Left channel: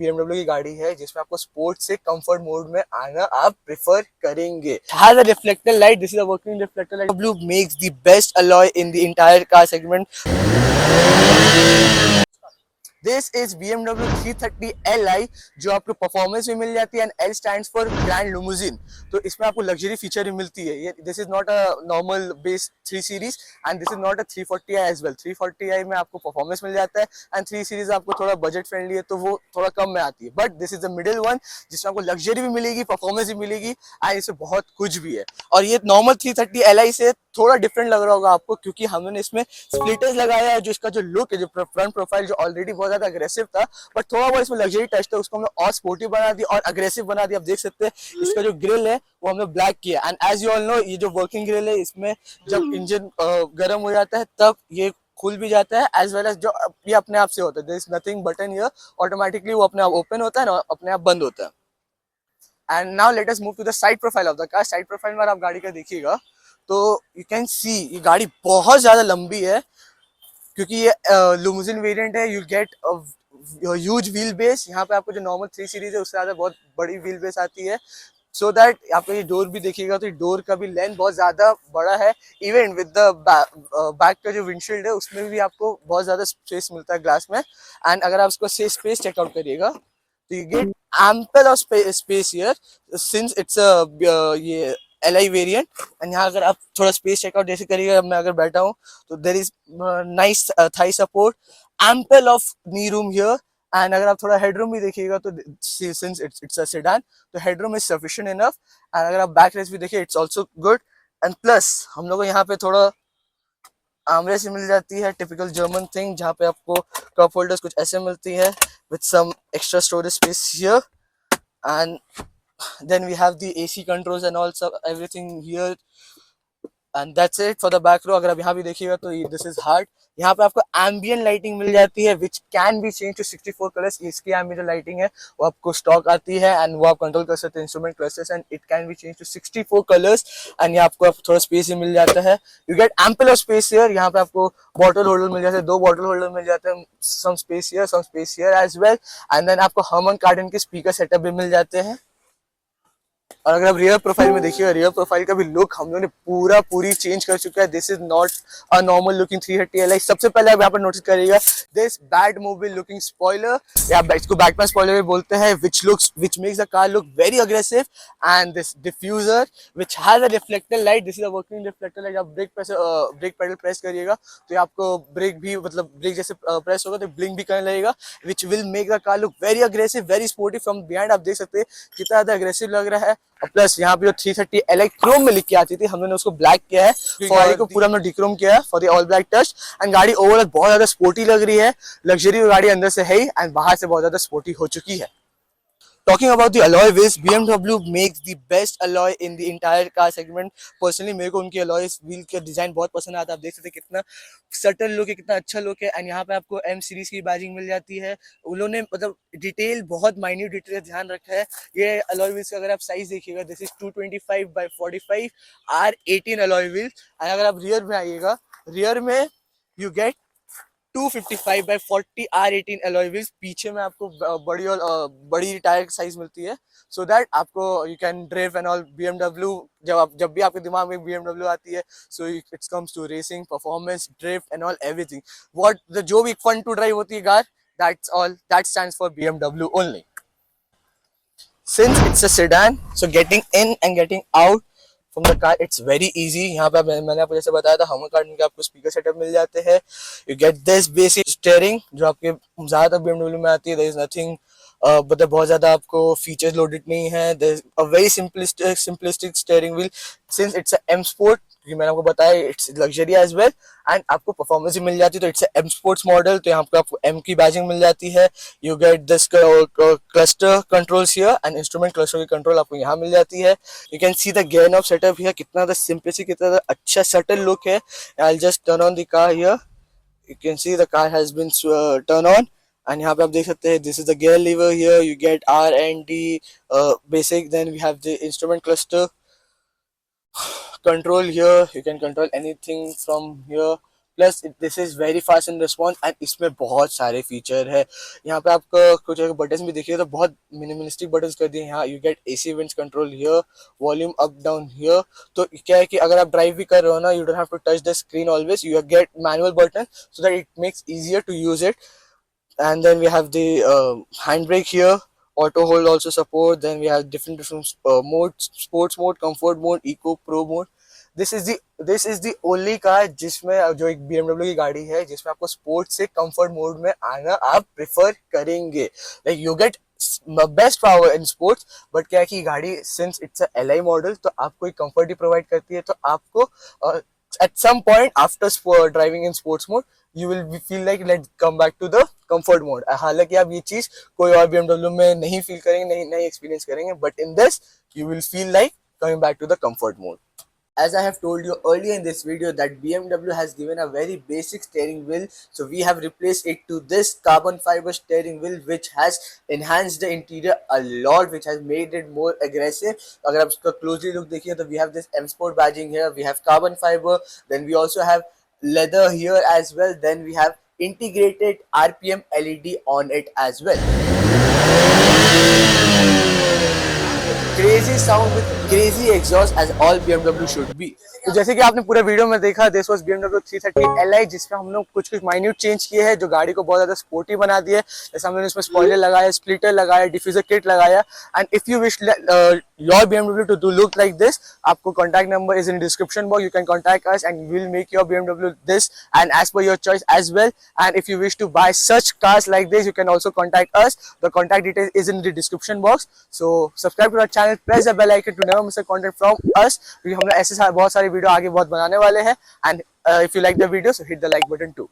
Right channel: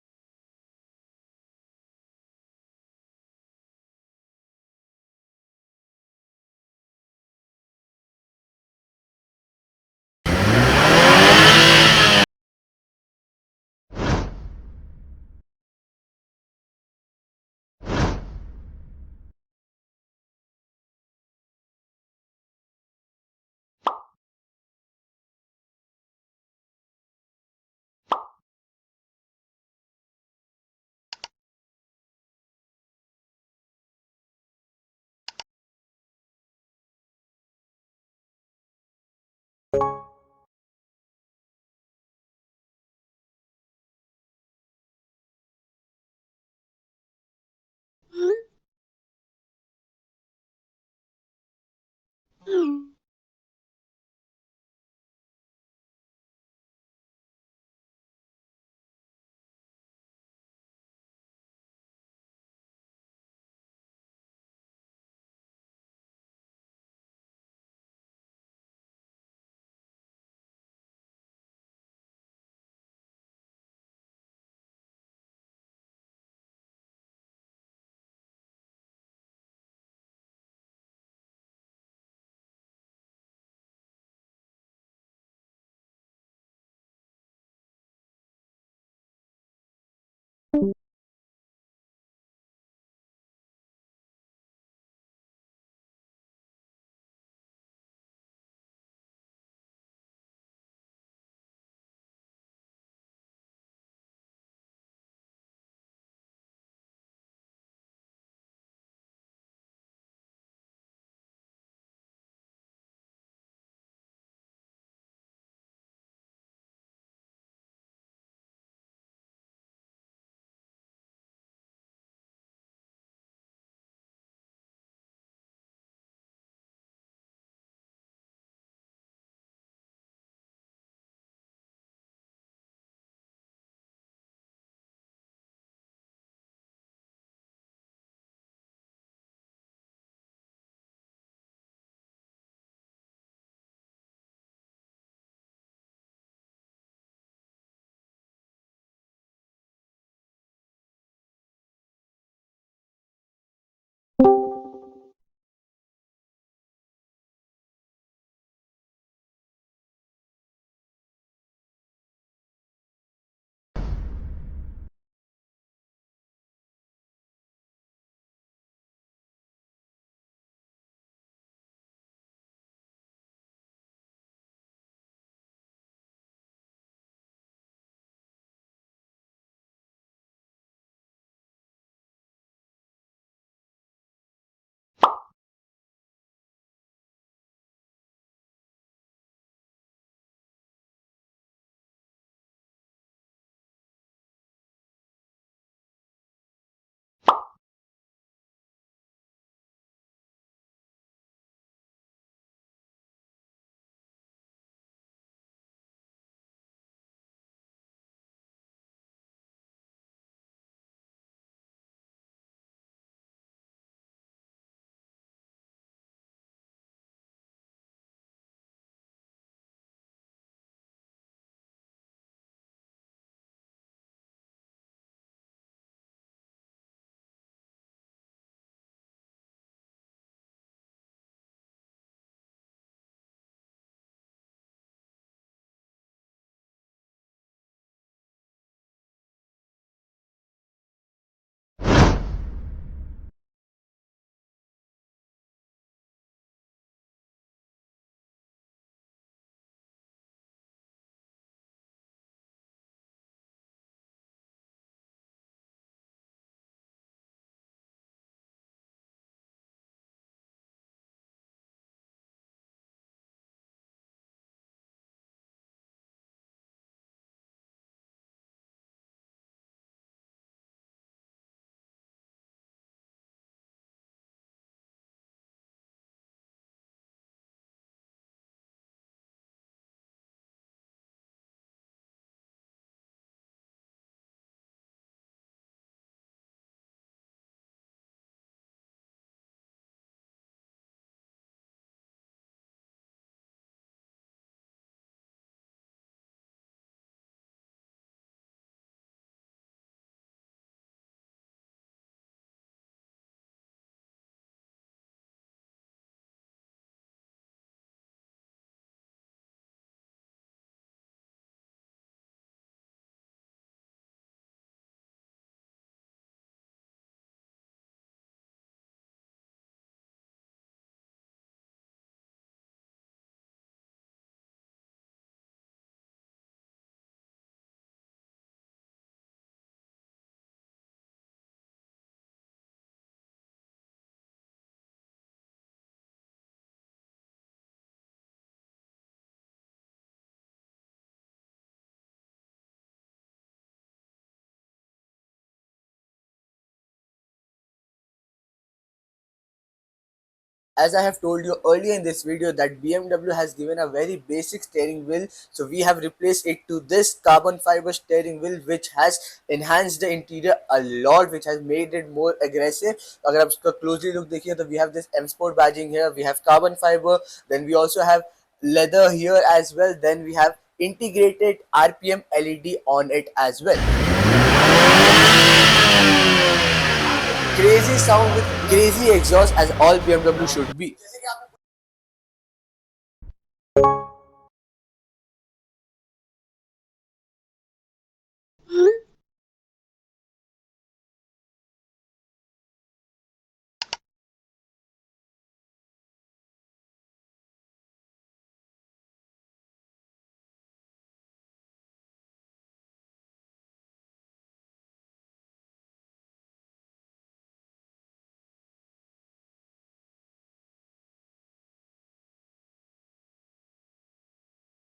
BMW की गाड़ी है जिसमें आपको स्पोर्ट्स से कंफर्ट मोड में आना आप प्रेफर करेंगे। Has a reflector light. This is a working reflector light. BMW makes the best alloy in the entire car segment. This is BMW 330 Li जो आपको परफॉर्मेंस भी मिल जाती है and L stands for grand limousine. तो इसमें आपको luxury feature भी मिलती है। ये this is not a normal base 3 series and this is not a 340i as well. 340i में आपको परफॉर्मेंस मिल जाता है एंड 3 सीरीज आपको थोड़ा बजट फ्रेंडली है तो वो थोड़ा कम में आती है, but this is the middle one जिसमें आपको लग्जरी भी मिलेगी, परफॉर्मेंस भी मिलेगी एंड इससे बहुत कुछ भी है। और ये नॉर्मल 330 Li से थोड़ा डिफरेंट लग रहा होगा आपको क्योंकि हमने इसमें स्प्लिटर्स लगाया है जो इसका जो लुक है, जो फ्रंट प्रोफाइल जो ऑलरेडी बहुत ज्यादा अग्रेसिव था, बट थोड़ा बहुत इसमें लग्जरी टच था, उसको हमने और स्पोर्टिव बना दिया और अग्रेसिव बना दिया। आप देख सकते हैं इसका जो ग्रिल है वो हमने ब्लैक किया and as you all know ये जो वर्किंग ग्रिल है इसमें जब इंजन गर्म हो जाता है तब ये खुल भी जाता है एज वेल एज जो ये अपने आप से होता है। There is nothing button here, automatically वो अपने आप ओपन होता है और अपने आप बंद होता है। And now let us move to the side profile of the car. Side profile में आप गाड़ी का देखिएगा तो यू कैन सी ये गाड़ी बहुत ज्यादा लंबी है क्योंकि ये लिमोजिन वेरिएंट है। You gate huge wheel base. यहाँ पे आपको जो नॉर्मल 3 सीरीज है उससे ज्यादा बहुत बड़ी व्हील बेस आती है, सो दैट आपको ये डोर भी देखिएगा तो डोर का भी लेंथ बहुत ज्यादा बड़ा है। इवन विद द बैक का जो विंडशील्ड है उसमें भी आपको बहुत ज्यादा स्पेस मिलता है ग्लास में। एंड अगर आप इसको स्पेस चेकआउट करिएगा तो you get ample of space here since it's a ये LI वेरिएंट। एंड यहाँ अगर आप थोड़ा स्पेस चेकआउट जैसे करिएगा, मैं अगर बैठा हूँ तो there is nice Thai support, ample of knee room here. And अगर आप थोड़ा हेडरूम भी देखिएगा तो सिंस इट्स अ सेडान तो headroom is sufficient enough. And अगर आप बैक रेस्ट भी देखिए it's also good. And plus हम लोग को यहाँ पे थोड़ा आर्मरेस्ट मिल जाती है, टिपिकल जर्मन थिंग, जहाँ पे आपको कप होल्डर्स कुछ ऐसे मिलती है with some extra storage space here. And then we have the AC controls and also everything here, and that's it for the back row. अगर आप यहाँ भी देखिएगा तो this is hard। यहाँ पे आपको ambient lighting मिल जाती है which can be changed to 64 colors। इसकी ambient lighting है वो आपको स्टॉक आती है एंड वो आप कंट्रोल कर सकते हैं instrument clusters and it can be change to 64 colours. And यहाँ आपको थोड़ा स्पेस ही मिल जाता है। You get ample of space here. यहाँ पे आपको बॉटल होल्डर मिल जाते हैं, 2 बॉटल होल्डर मिल जाते हैं, some space here as well. And then आपको हर्मन कार्डन के स्पीकर सेटअप भी मिल जाते हैं। और अगर आप रियर प्रोफाइल में देखिएगा, रियर प्रोफाइल का भी लुक हम लोगों ने पूरी चेंज कर चुका है। This is not a normal looking 330 Li। सबसे पहले आप यहाँ पर नोटिस करिएगा this bad mobile looking spoiler, या इसको बैकपैन स्पॉइलर भी बोलते हैं, which makes the car look very aggressive। and this diffuser which has a reflector light, this is a working reflector light। आप ब्रेक पेडल प्रेस करिएगा तो आपको break भी मतलब ब्रेक जैसे प्रेस होगा तो ब्लिंक भी करने लगेगा which will make the car look very aggressive, very sporty from behind। आप देख सकते हैं कितना ज्यादा अग्रेसिव लग रहा है। और प्लस यहाँ पे जो 330 Li क्रोम में लिख के आती थी हमने उसको ब्लैक किया है, गाड़ी को पूरा हमने डिक्रोम किया है for the all black touch. And गाड़ी ओवरऑल बहुत ज्यादा स्पोर्टी लग रही है, लग्जरी गाड़ी अंदर से है एंड बाहर से बहुत ज्यादा स्पोर्टी हो चुकी है। Talking about the alloy wheels, BMW makes the best alloy in the entire car segment। Personally मेरे को उनकी alloy व्हील का डिजाइन बहुत पसंद आता है। आप देख सकते हैं कितना सटल लुक है, कितना अच्छा लुक है। एंड यहाँ पे आपको M सीरीज की बैजिंग मिल जाती है। उन्होंने मतलब डिटेल, बहुत माइन्यूट डिटेल ध्यान रखा है। ये alloy wheels का अगर आप साइज देखिएगा, this is 225/45 R18 alloy wheels। And अगर आप रियर में आइएगा, रियर में you get 255/40 R18 alloy wheels। पीछे में आपको बड़ी टायर साइज मिलती है सो दैट आपको you can drive and all BMW। जब भी आपके दिमाग में BMW आती है so it's comes to racing, performance, drift and all everything. जो भी फन टू ड्राइव होती है car, that stands for BMW only. Since it's a sedan, so getting in and getting out from the car it's very easy। यहाँ पे मैंने आपको जैसे बताया था हमर कार्ड के आपको स्पीकर सेटअप मिल जाते हैं। You get this basic steering जो आपके ज्यादातर BMW में आती है। देयर इज नथिंग मतलब बहुत ज्यादा आपको फीचर्स लोडेड नहीं है। There is a very simplistic steering wheel since it's a M sport, क्योंकि मैंने आपको बताया it's luxury as well. And आपको परफॉर्मेंस भी मिल जाती है तो इट्स M स्पोर्ट्स मॉडल, तो यहाँ पे आपको M की बैजिंग मिल जाती है। You get this cluster controls here and instrument cluster की कंट्रोल आपको यहाँ मिल जाती है। You can see the gear knob setup here, कितना द सिंपलिसिटी, कितना द अच्छा सटल लुक है। I will just turn on the car here, you can see the car has been turn on. And यहाँ पे आप देख सकते हैं this is the gear lever here, you get R&D basic, then we have the instrument cluster control here, you can control anything from here। Plus this is very fast in response and इसमें बहुत सारे feature है। यहाँ पे आपको कुछ button भी देखिए तो बहुत मिनिमलिस्टिक बटन कर दिए। यहाँ you get AC winds control here, volume up down here. तो क्या है कि अगर आप ड्राइव भी कर रहे हो ना, you don't have to touch the screen always, you get manual button so that it makes easier to use it. And then we have the handbrake here, auto hold also support. Then we have different modes: sports mode, comfort mode, eco, pro mode. This is the only car जिसमें जो एक BMW की गाड़ी है जिसमें आपको sports से comfort mode में आना आप प्रेफर करेंगे। Like you get best power in sports, but क्या है कि गाड़ी since it's a LI model तो आपको एक कंफर्ट ही प्रोवाइड करती है। तो आपको at some point after driving in sports mode you will feel like let's come back to the comfort mode। हालांकि आप ये चीज कोई और BMW में नहीं फील करेंगे, नहीं एक्सपीरियंस करेंगे, but in this you will feel like coming back to the comfort mode। As I have told you earlier in this video that BMW has given a very basic steering wheel, so we have replaced it to this carbon fiber steering wheel which has enhanced the interior a lot, which has made it more aggressive। अगर आप इसका closely look देखिए तो we have this M Sport badging here, we have carbon fiber, then we also have leather here as well, then we have integrated RPM LED on it as well। Crazy sound with crazy exhaust as all BMW should be। तो जैसे कि आपने पूरे video में देखा, this was BMW 330 Li जिसमें हम लोग कुछ माइन्यूट चेंज किए हैं जो गाड़ी को बहुत ज्यादा स्पोर्टी बना दिया है। जैसे हमने इसमें स्पॉइलर लगाया, स्प्लिटर लगाया, डिफ्यूजर किट लगाया। And if you wish your BMW to do look like this, आपको contact number is in description box, you can contact us and we will make your BMW this and as per your choice as well। And if you wish to buy such cars like this, you can also contact us, the contact details is in the description box। So subscribe to our channel, press the bell icon to never miss a content from us, क्योंकि हम लोग ऐसे बहुत सारी video आगे बहुत बनाने वाले हैं। And if you like the video, so hit the like button too।